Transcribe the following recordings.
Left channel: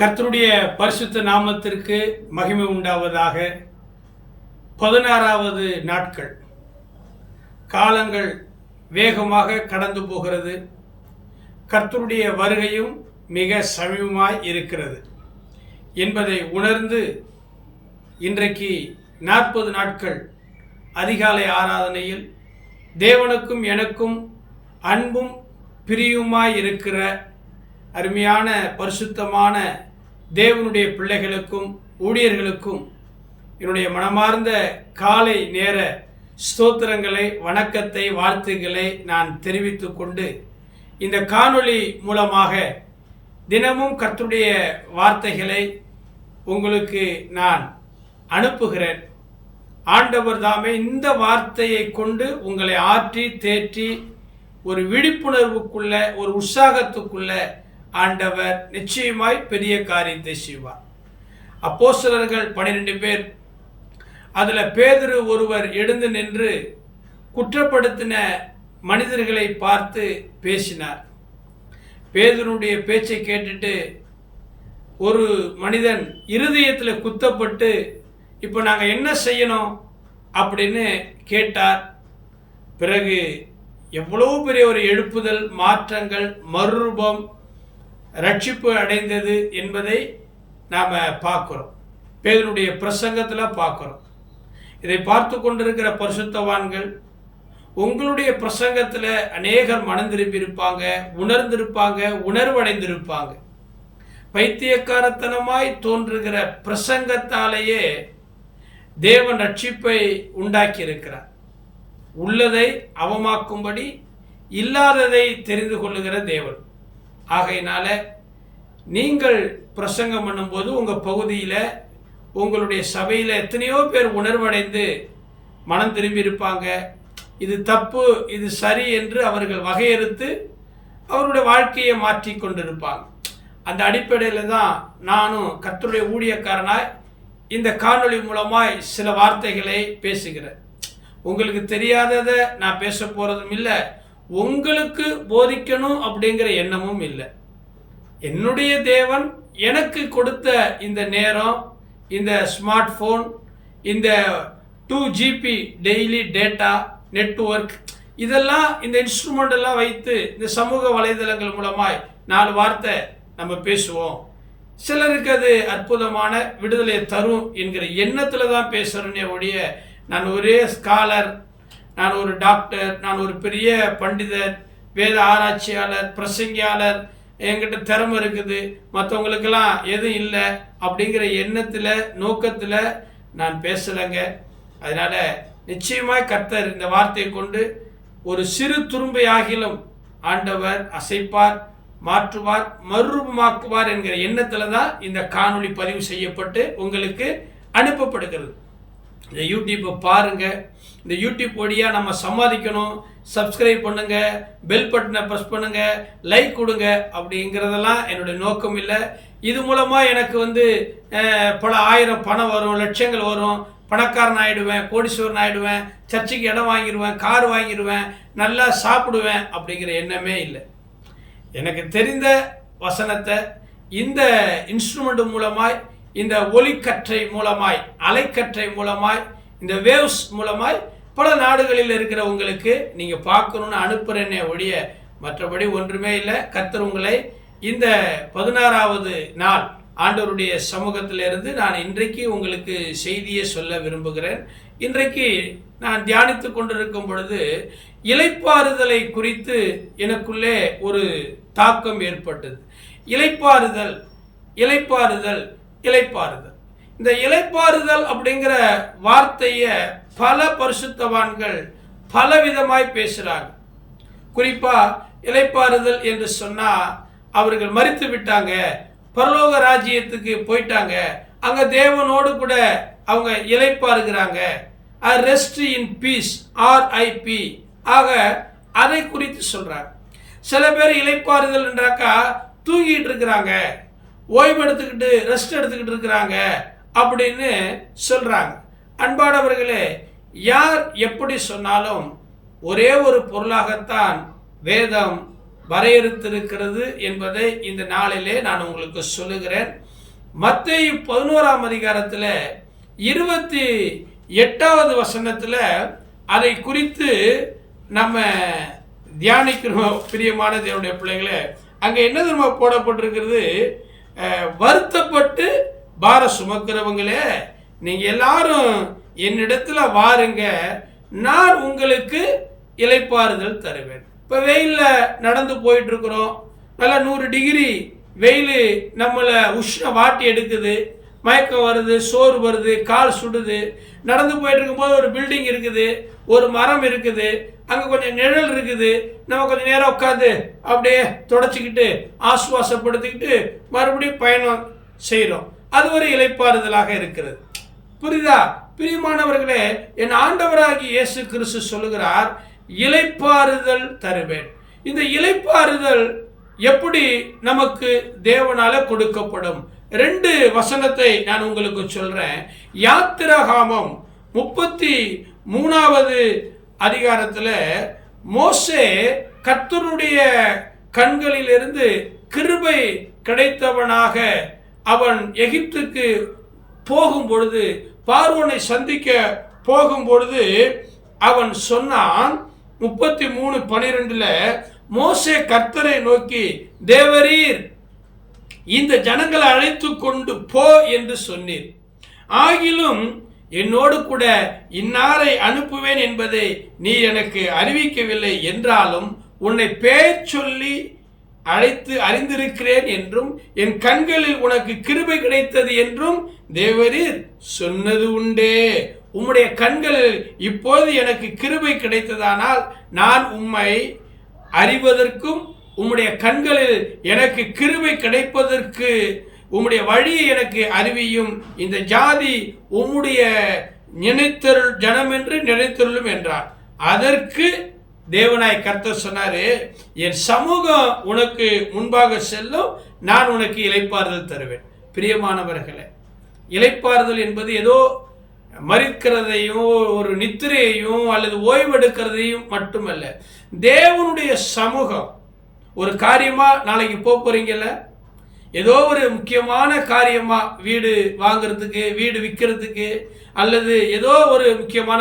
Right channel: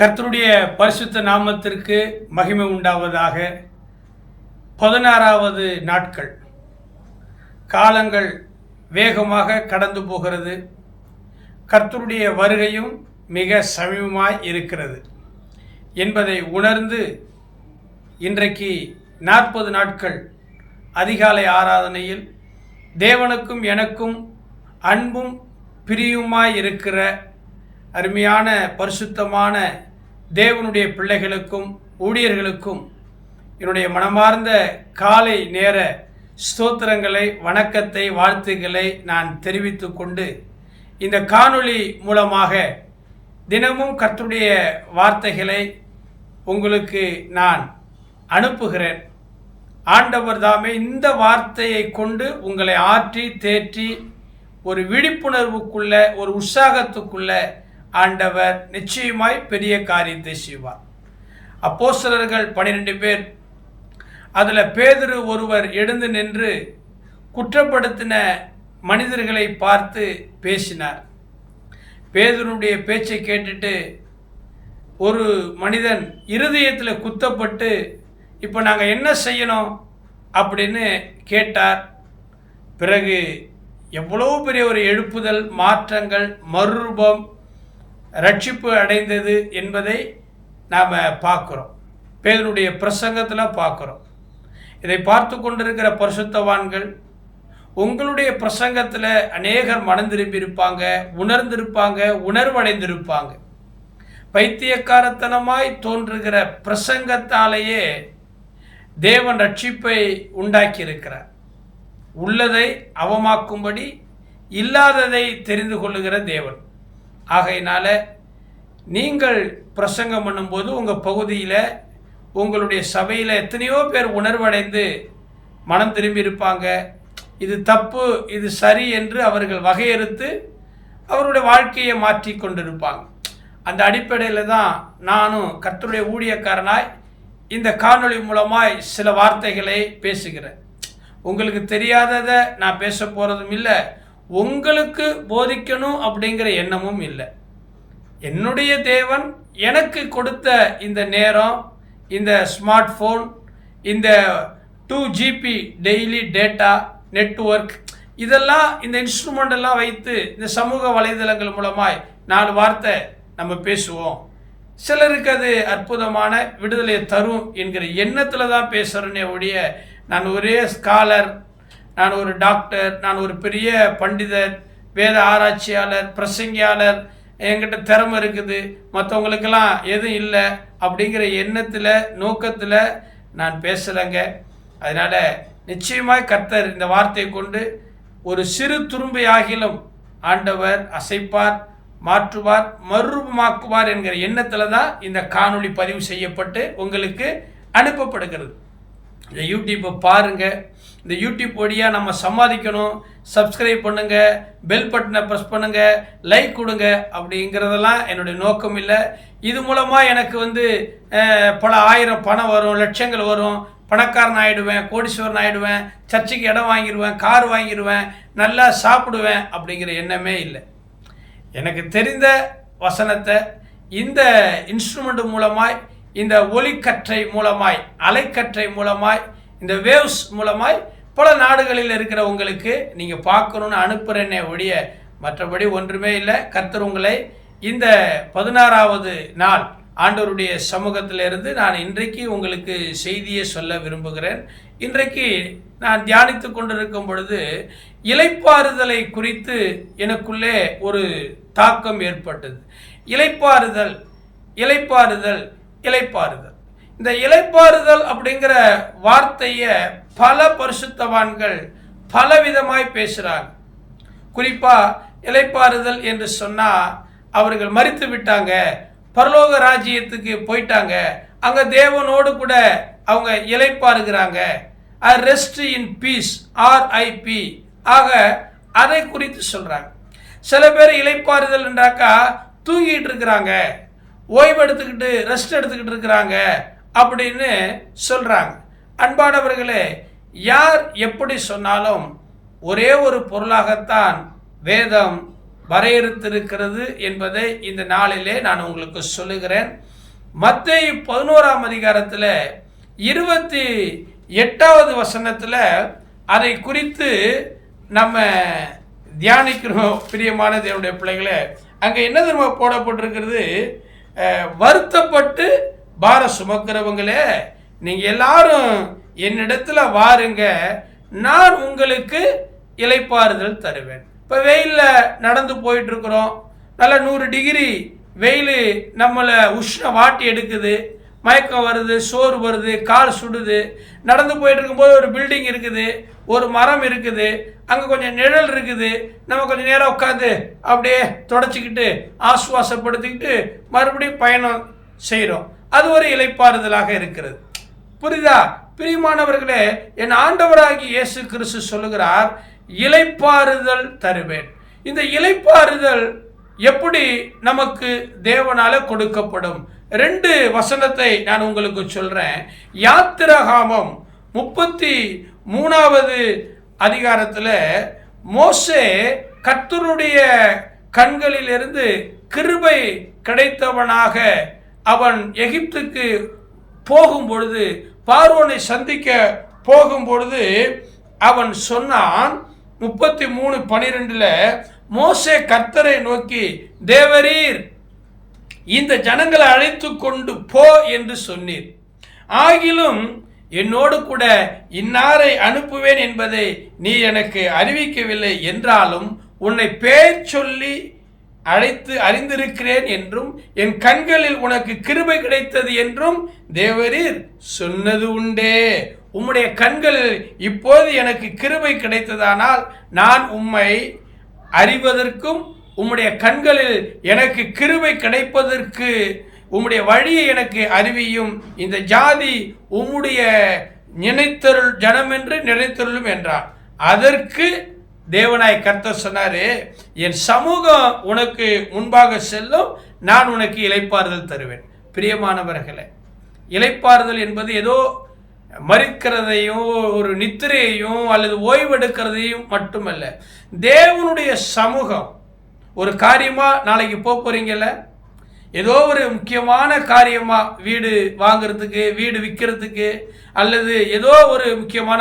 கர்த்தருடைய பரிசுத்த நாமத்திற்கு மகிமை உண்டாவதாக. 16வது நாட்கள். காலங்கள் வேகமாக கடந்து போகிறது. கர்த்தருடைய வருகையும் மிக சமீபமாய் இருக்கிறது என்பதை உணர்ந்து இன்றைக்கு 40 நாட்கள் அதிகாலை ஆராதனையில் தேவனுக்கும் எனக்கும் அன்பும் பிரியுமாய் இருக்கிற அருமையான பரிசுத்தமான தேவனுடைய பிள்ளைகளுக்கும் ஊழியர்களுக்கும் என்னுடைய மனமார்ந்த காலை நேர ஸ்தோத்திரங்களை, வணக்கத்தை, வாழ்த்துக்களை நான் தெரிவித்து கொண்டு இந்த காணொளி மூலமாக தினமும் கர்த்தருடைய வார்த்தைகளை உங்களுக்கு நான் அனுப்புகிறேன். ஆண்டவர் தாமே இந்த வார்த்தையை கொண்டு உங்களை ஆற்றி தேற்றி ஒரு விழிப்புணர்வுக்குள்ள, ஒரு உற்சாகத்துக்குள்ள ஆண்டவர் நிச்சயமாய் பெரிய காரியத்தை செய்வார். அப்போஸ்தலர்கள் 12 பேர், அதில் பேதுரு ஒருவர் எழுந்து நின்று குற்றப்படுத்தின மனிதர்களை பார்த்து பேசினார். பேதுருடைய பேச்சை கேட்டுட்டு ஒரு மனிதன் இருதயத்தில் குத்தப்பட்டு, இப்போ நாங்கள் என்ன செய்யணும் அப்படின்னு கேட்டார். பிறகு எவ்வளோ பெரிய ஒரு எழுப்புதல், மாற்றங்கள், மறுரூபம், ரட்சிப்பு அடைந்தது என்பதை நாம் பார்க்குறோம். பேதுருடைய பிரசங்கத்தில் பார்க்குறோம். இதை பார்த்து கொண்டிருக்கிற பரிசுத்தவான்கள், உங்களுடைய பிரசங்கத்தில் அநேகர் மனம் திரும்பியிருப்பாங்க, உணர்ந்திருப்பாங்க, உணர்வடைந்திருப்பாங்க. பைத்தியக்காரத்தனமாய் தோன்றுகிற பிரசங்கத்தாலேயே தேவன் ரட்சிப்பை உண்டாக்கி இருக்கிறார். உள்ளதை அவமாக்கும்படி இல்லாததை தெரிந்து கொள்ளுகிற தேவன். ஆகையினால நீங்கள் பிரசங்கம் பண்ணும்போது உங்கள் பகுதியில், உங்களுடைய சபையில் எத்தனையோ பேர் உணர்வடைந்து மனம் திரும்பி இருப்பாங்க. இது தப்பு, இது சரி என்று அவர்கள் வகையறுத்து அவருடைய வாழ்க்கையை மாற்றி கொண்டிருப்பாங்க. அந்த அடிப்படையில் தான் நானும் கர்த்தருடைய ஊழியக்காரனாய் இந்த காணொளி மூலமாய் சில வார்த்தைகளை பேசுகிறேன். உங்களுக்கு தெரியாததை நான் பேச போகிறதும் இல்லை, உங்களுக்கு போதிக்கணும் அப்படிங்கிற எண்ணமும் இல்லை. என்னுடைய தேவன் எனக்கு கொடுத்த இந்த நேரம், இந்த ஸ்மார்ட் ஃபோன், இந்த 2GB டெய்லி டேட்டா நெட்வொர்க், இதெல்லாம் இந்த இன்ஸ்ட்ருமெண்ட் எல்லாம் வைத்து இந்த சமூக வலைதளங்கள் மூலமாய் 4 வார்த்தை நம்ம பேசுவோம். சிலருக்கு அது அற்புதமான விடுதலையை தரும் என்கிற எண்ணத்தில் தான் பேசுகிறேனே ஒழிய, நான் ஒரே ஸ்காலர், நான் ஒரு டாக்டர், நான் ஒரு பெரிய பண்டிதர், வேத ஆராய்ச்சியாளர், பிரசங்கியாளர், என்கிட்ட திறமை இருக்குது, மற்றவங்களுக்கெல்லாம் எதுவும் இல்லை அப்படிங்கிற எண்ணத்தில், நோக்கத்தில் நான் பேசலைங்க. அதனால் நிச்சயமாய் கர்த்தர் இந்த வார்த்தையை கொண்டு ஒரு சிறு துரும்பை ஆகிலும் ஆண்டவர் அசைப்பார், மாற்றுவார், மறுரூபமாக்குவார் என்கிற எண்ணத்தில் தான் இந்த காணொளி பதிவு செய்யப்பட்டு உங்களுக்கு அனுப்பப்படுகிறது. இந்த யூடியூப்பை பாருங்கள். இந்த யூடியூப் வழியாக நம்ம சம்பாதிக்கணும். சப்ஸ்கிரைப் பண்ணுங்கள், பெல் பட்டனை ப்ரெஸ் பண்ணுங்கள், லைக் கொடுங்க அப்படிங்கிறதெல்லாம் என்னுடைய நோக்கம் இல்லை. இது மூலமாக எனக்கு பல ஆயிரம் பணம் வரும், லட்சங்கள் வரும், பணக்காரன் ஆகிடுவேன், கோடீஸ்வரன் ஆகிடுவேன், சர்ச்சுக்கு இடம் வாங்கிடுவேன், கார் வாங்கிடுவேன், நல்லா சாப்பிடுவேன் அப்படிங்கிற எண்ணமே இல்லை. எனக்கு தெரிந்த வசனத்தை இந்த இன்ஸ்ட்ருமெண்ட் மூலமாய், இந்த ஒலிக்கற்றை மூலமாய், அலைக்கற்றை மூலமாய், இந்த வேவ்ஸ் மூலமாய் பல நாடுகளில் இருக்கிற உங்களுக்கு நீங்கள் பார்க்கணுன்னு அனுப்புகிறேன்னே ஒழிய மற்றபடி ஒன்றுமே இல்லை. கர்த்தர் உங்களை இந்த 16வது நாள் ஆண்டவருடைய சமூகத்திலிருந்து நான் இன்றைக்கு உங்களுக்கு செய்தியை சொல்ல விரும்புகிறேன். இன்றைக்கு நான் தியானித்து கொண்டிருக்கும் பொழுது இளைப்பாறுதலை குறித்து எனக்குள்ளே ஒரு தாக்கம் ஏற்பட்டது. இளைப்பாறுதல், இளைப்பாறுதல், இளைப்பாறுதல். இந்த இளைப்பாறுதல் அப்படிங்கிற வார்த்தையை பல பரிசுத்தவான்கள் பலவிதமாய் பேசுகிறாங்க. குறிப்பாக இளைப்பாறுதல் என்று சொன்னால் அவர்கள் மரித்து விட்டாங்க, பரலோக ராஜ்யத்துக்கு போயிட்டாங்க, அங்கே தேவனோடு கூட அவங்க இளைப்பாறுகிறாங்க, ரெஸ்ட் இன் பீஸ், RIP ஆக அதை குறித்து சொல்கிறாங்க. சில பேர் இளைப்பாறுதல் என்றாக்கா தூங்கிட்டு இருக்கிறாங்க, ஓய்வு எடுத்துக்கிட்டு ரெஸ்ட் எடுத்துக்கிட்டு இருக்கிறாங்க அப்படின்னு சொல்கிறாங்க. அன்பானவர்களே, யார் எப்படி சொன்னாலும் ஒரே ஒரு பொருளாகத்தான் வேதம் வரையறுத்திருக்கிறது என்பதை இந்த நாளிலே நான் உங்களுக்கு சொல்லுகிறேன். மத்தேயு 11ஆம் அதிகாரத்தில் 28வது வசனத்தில் அதை குறித்து நம்ம தியானிக்கிறோம். பிரியமான தேவனுடைய பிள்ளைகளே, அங்கே என்ன தெரியுமா போடப்பட்டிருக்கிறது? வருத்தப்பட்டு பாரம் சுமக்கிறவங்களே, நீங்கள் எல்லாரும் என்னிடத்துல வாருங்க, நான் உங்களுக்கு இளைப்பாறுதல் தருவேன். இப்போ வெயிலில் நடந்து போயிட்டு இருக்கிறோம், நல்லா 100 டிகிரி வெயில் நம்மளை உஷ்ணம் வாட்டி எடுக்குது, மயக்கம் வருது, சோறு வருது, கால் சுடுது. நடந்து போயிட்டு இருக்கும்போது ஒரு பில்டிங் இருக்குது, ஒரு மரம் இருக்குது, அங்கே கொஞ்சம் நிழல் இருக்குது. நம்ம கொஞ்சம் நேரம் உட்காந்து அப்படியே தொடச்சிக்கிட்டு ஆசுவாசப்படுத்திக்கிட்டு மறுபடியும் பயணம் செய்கிறோம். அது ஒரு இளைப்பாறுதலாக இருக்கிறது. புரியுதா? பிரியமானவர்களே, என் ஆண்டவராகி இயேசு கிறிஸ்து சொல்லுகிறார், இளைப்பாறுதல் தருவேன். இந்த இளைப்பாறுதல் எப்படி நமக்கு தேவனால கொடுக்கப்படும்? 2 வசனத்தை நான் உங்களுக்கு சொல்றேன். யாத்திராகமம் 33வது அதிகாரத்தில் மோசே கர்த்தருடைய கண்களிலிருந்து கிருபை கிடைத்தவனாக அவன் எகிப்துக்கு போகும் பொழுது, பார்வோனை சந்திக்க போகும் பொழுது அவன் சொன்னான். 33:12 மோசே கர்த்தரை நோக்கி, தேவரீர் இந்த ஜனங்களை அழைத்து கொண்டு போ என்று சொன்னீர், ஆகிலும் என்னோடு கூட இன்னாரை அனுப்புவேன் என்பதை நீ எனக்கு அறிவிக்கவில்லை என்றாலும் உன்னை பேர் சொல்லி அழைத்து அறிந்திருக்கிறேன் என்றும் என் கண்களில் உனக்கு கிருபை கிடைத்தது என்றும் தேவரீர் சொன்னது உண்டே. உம்முடைய கண்களில் இப்போது எனக்கு கிருபை கிடைத்ததானால் நான் உம்மை அறிவதற்கும் உம்முடைய கண்களில் எனக்கு கிருபை கிடைப்பதற்கு உம்முடைய வழியை எனக்கு அறிவியும். இந்த ஜாதி உம்முடைய நினைத்தருள் ஜனம் என்று நினைத்தருளும் என்றான். அதற்கு தேவனாய் கர்த்தர் சொன்னாரு, என் சமூகம் உனக்கு முன்பாக செல்லும், நான் உனக்கு இளைப்பாறுதல் தருவேன். பிரியமானவர்களே, இளைப்பாறுதல் என்பது ஏதோ மறிக்கிறதையும் ஒரு நித்திரையையும் அல்லது ஓய்வெடுக்கிறதையும் மட்டுமல்ல. தேவனுடைய சமூகம், ஒரு காரியமா நாளைக்கு போறீங்கல்ல, ஏதோ ஒரு முக்கியமான காரியமா, வீடு வாங்கிறதுக்கு, வீடு விற்கிறதுக்கு, அல்லது ஏதோ ஒரு முக்கியமான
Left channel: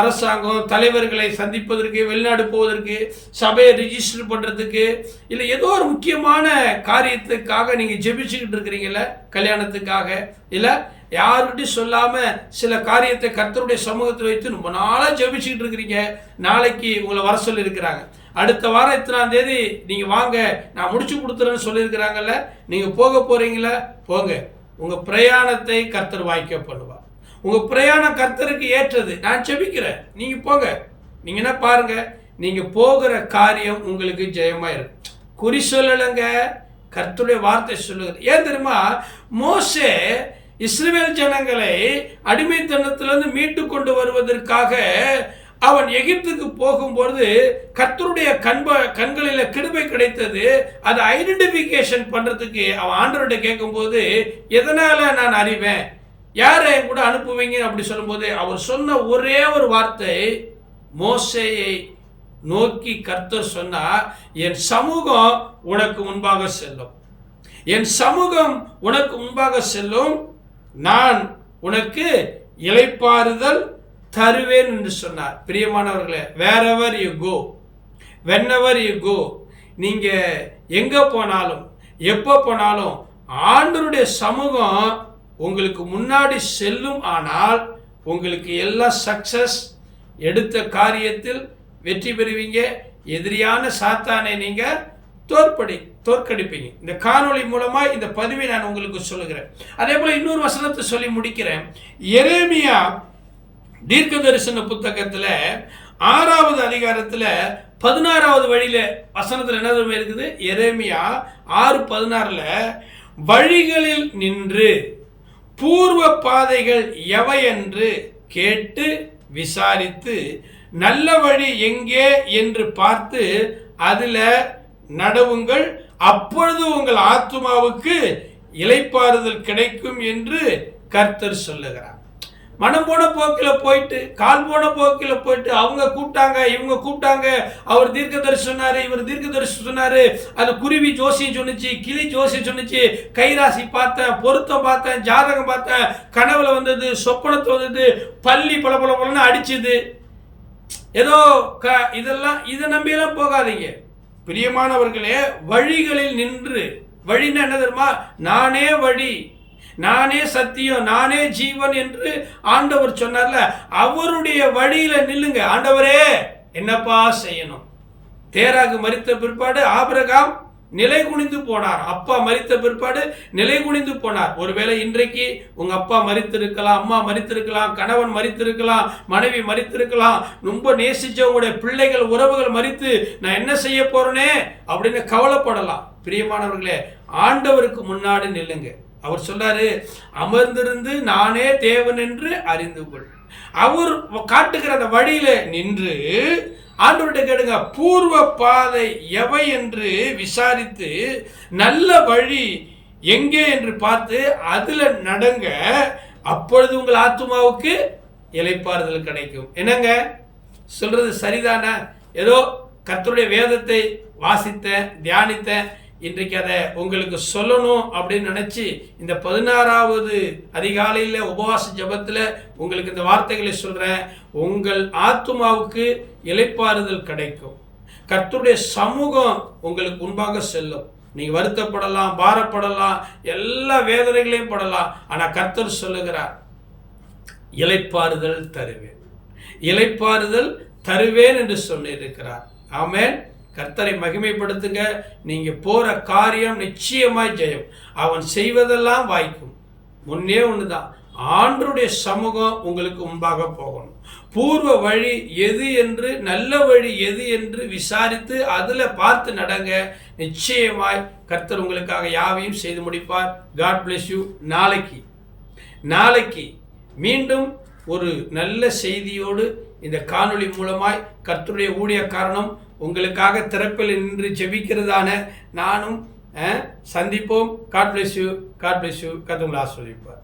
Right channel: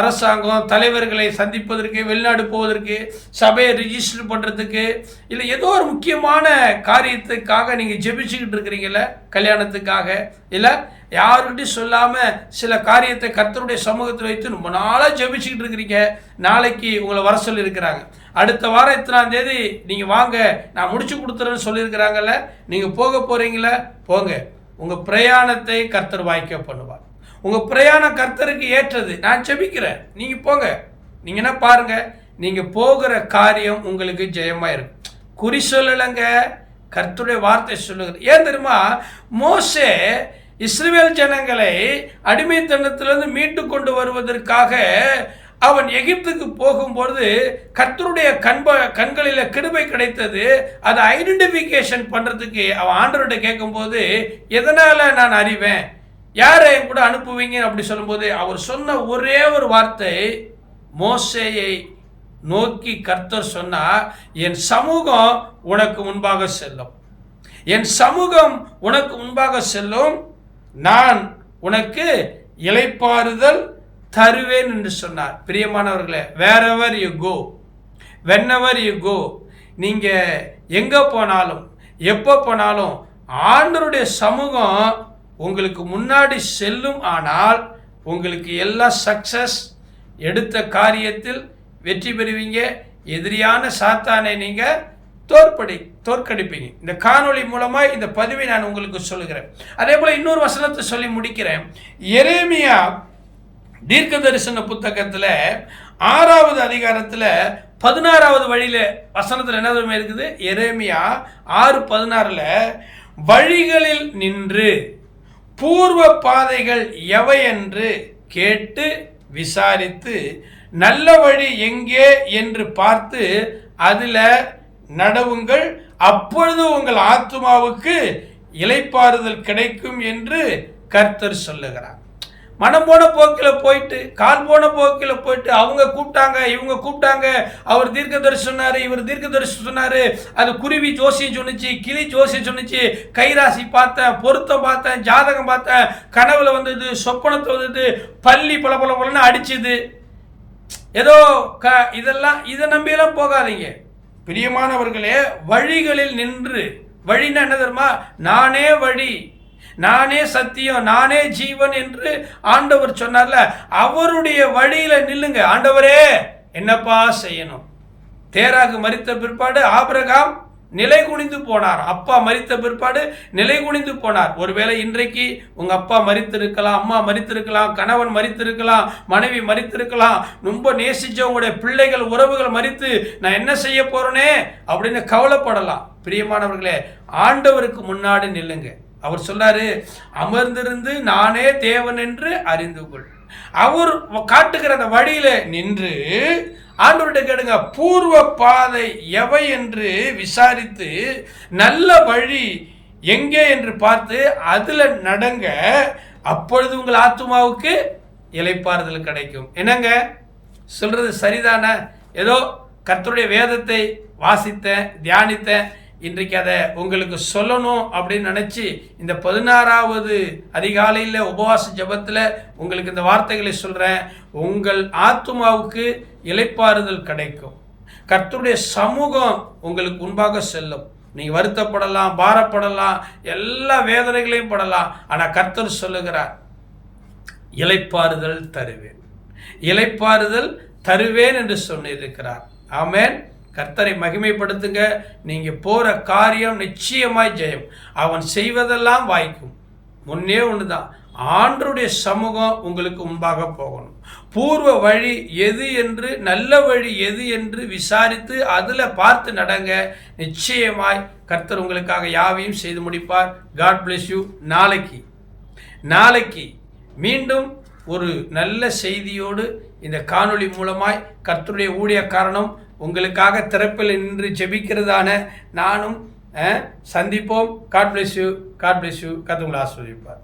அரசாங்கம் தலைவர்களை சந்திப்பதற்கு, வெளிநாடு போவதற்கு, சபையை ரிஜிஸ்டர் பண்ணுறதுக்கு, இல்லை ஏதோ ஒரு முக்கியமான காரியத்துக்காக நீங்கள் ஜெபிச்சுக்கிட்டு இருக்கிறீங்கள, கல்யாணத்துக்காக, இல்லை யாருக்கிட்டையும் சொல்லாமல் சில காரியத்தை கர்த்தருடைய சமூகத்தில் வைத்து ரொம்ப நாளாக ஜெபிச்சுக்கிட்டு இருக்கிறீங்க. நாளைக்கு உங்களை வர சொல்லியிருக்கிறாங்க, அடுத்த வாரம் 3ஆம் தேதி நீங்கள் வாங்க, நான் முடிச்சு கொடுத்துறேன்னு சொல்லியிருக்கிறாங்கல்ல, நீங்கள் போக போகிறீங்களா? போங்க. உங்கள் பிரயாணத்தை கர்த்தர் வாய்க்க பண்ணுவார். உங்கள் பிரயாணம் கர்த்தருக்கு ஏற்றது. நான் ஜெபிக்கிறேன், நீங்கள் போங்க. நீங்கள் என்ன பாருங்க, நீங்கள் போகிற காரியம் உங்களுக்கு ஜெயமாக இருக்கும். குறி சொல்லலைங்க, கர்த்தருடைய வார்த்தை சொல்லுகிறது. ஏன் தெரியுமா? மோசே இஸ்ரவேல் ஜனங்களை அடிமைத்தனத்திலிருந்து மீட்டு கொண்டு வருவதற்காக அவன் எகிப்துக்கு போகும்போது கர்த்தருடைய கண்களில் கிருபை கிடைத்தது. அதை ஐடென்டிஃபிகேஷன் பண்ணுறதுக்கு அவன் ஆண்டவர்கிட்ட கேட்கும்போது, எதனால் நான் அறிவேன், யாரை என் கூட அனுப்புவீங்க அப்படி சொல்லும்போது அவர் சொன்ன ஒரே ஒரு வார்த்தை, மோசேயை நோக்கி கர்த்தர் சொன்னார், என் சமூகம் உனக்கு முன்பாக செல்லும், என் சமூகம் உனக்கு முன்பாக செல்லும், நான் உனக்கு இளைப்பாறுதல் தருவேன் என்று சொன்னார். பிரியமானவர்களே, wherever you go, whenever you go, நீங்கள் எங்கே போனாலும் எப்போ போனாலும் ஆண்டவருடைய சமூகம் உங்களுக்கு முன்னாடி செல்லும். ஆனால் உங்களுக்கு எல்லா சக்சஸ், எடுத்த காரியத்தில் வெற்றி பெறுவீங்க. எதிரியான சாத்தானை நீங்கள் தோற்கடிப்பீங்க. இந்த காணொளி மூலமாக இந்த பதிவை நான் உங்களுக்கு சொல்லுகிறேன். அதே போல் இன்னொரு வசனத்தை சொல்லி முடிக்கிறேன். எரேமியா தீர்க்க தரிசன புத்தகத்தில் 6வது அதிகாரத்தில் 16வது வழியில் வசனத்தில் என்ன இருக்குது? எரேமியா 6:16 வழிகளில் நின்று பூர்வ பாதைகள் எவை என்று கேட்டு விசாரித்து நல்ல வழி எங்கே என்று பார்த்து அதில் நடவுங்கள், அப்பொழுது உங்கள் ஆத்துமாவுக்கு இளைப்பாறுதல் கிடைக்கும் என்று கர்த்தர் சொல்லுகிறார். மனம் போன போக்கில் போயிட்டு, கால் போன போக்கில் போயிட்டு, அவங்க கூப்பிட்டாங்க, இவங்க கூப்பிட்டாங்க, அவர் தீர்க்கதரிசி சொன்னார், இவர் தீர்க்கதரிசி சொன்னார், அது குருவி ஜோசியம் சொன்னிச்சு, கிளி ஜோசியம் சொன்னிச்சு, கைராசி பார்த்தேன், பொருத்தம் பார்த்தேன், ஜாதகம் பார்த்தேன், கனவுல வந்தது, சொப்பனத்தை வந்தது, பள்ளி பல பல பலன்னு அடிச்சுது. ஏதோ இதெல்லாம் இதை நம்பியெல்லாம் போகாதீங்க பிரியமானவர்களே. வழிகளில் நின்று, வழின்னா என்ன தெரியுமா? நானே வழி, நானே சத்தியம், நானே ஜீவன் என்று ஆண்டவர் சொன்னார்ல, அவருடைய வழியில நில்லுங்க. ஆண்டவரே என்னப்பா செய்யணும்? தேராகு மரித்த பிற்பாடு ஆபிரகாம் நிலை குனிந்து போனார். அப்பா மரித்த பிற்பாடு நிலை குனிந்து போனார். ஒருவேளை இன்றைக்கு உங்க அப்பா மரித்திருக்கலாம், அம்மா மரித்திருக்கலாம், கணவன் மரித்திருக்கலாம், மனைவி மரித்திருக்கலாம், ரொம்ப நேசிச்ச உங்களுடைய பிள்ளைகள் உறவுகள் மரித்து நான் என்ன செய்ய போறேனே அப்படின்னு கவலைப்படலாம். பிரியமானவர்களே, ஆண்டவருக்கு முன்னாடி நில்லுங்க. அவர் சொல்றாரு, அமர்ந்திருந்து நானே தேவன் என்று அறிந்து கொள். அவர் காட்டுகிற அந்த வழியில நின்று ஆண்டவர்கிட்ட கேளுங்க, பூர்வ பாதை எவை என்று விசாரித்து நல்ல வழி எங்கே என்று பார்த்து அதுல நடங்க. அப்பொழுது உங்கள் ஆத்துமாவுக்கு இளைப்பாறுதல் கிடைக்கும். என்னங்க சொல்றது சரிதானே? ஏதோ கர்த்தருடைய வேதத்தை வாசித்தேன், தியானித்தேன், இன்றைக்கு அதை உங்களுக்கு சொல்லணும் அப்படின்னு நினச்சி இந்த 16வது அதிகாலையில் உபவாச ஜபத்தில் உங்களுக்கு இந்த வார்த்தைகளை சொல்கிறேன். உங்கள் ஆத்துமாவுக்கு இளைப்பாறுதல் கிடைக்கும். கர்த்தருடைய சமூகம் உங்களுக்கு முன்பாக செல்லும். நீங்கள் வருத்தப்படலாம், பாரப்படலாம், எல்லா வேதனைகளையும் படலாம். ஆனால் கர்த்தர் சொல்லுகிறார், இளைப்பாறுதல் தருவேன், இளைப்பாறுதல் தருவேன் என்று சொல்லியிருக்கிறார். ஆமென். கர்த்தரை மகிமைப்படுத்துங்க. நீங்க போற காரியம் நிச்சயமாய் ஜெயம். அவன் செய்வதெல்லாம் வாய்க்கும். முன்னே ஒண்ணுதான், ஆண்டவருடைய சமூகம் உங்களுக்கு முன்பாக போகணும். பூர்வ வழி எது என்று, நல்ல வழி எது என்று விசாரித்து அதுல பார்த்து நடங்க. நிச்சயமாய் கர்த்தர் உங்களுக்காக யாவையும் செய்து முடிப்பார். God bless you. நாளைக்கு மீண்டும் ஒரு நல்ல செய்தியோடு இந்த காணொளி மூலமாய் கர்த்தருடைய ஊழியக்காரனும் உங்களுக்காக திறப்பில் நின்று ஜெபிக்கிறதான நானும் சந்திப்போம். God bless you. கர்த்தர் உங்களை ஆசீர்வதிப்பார்.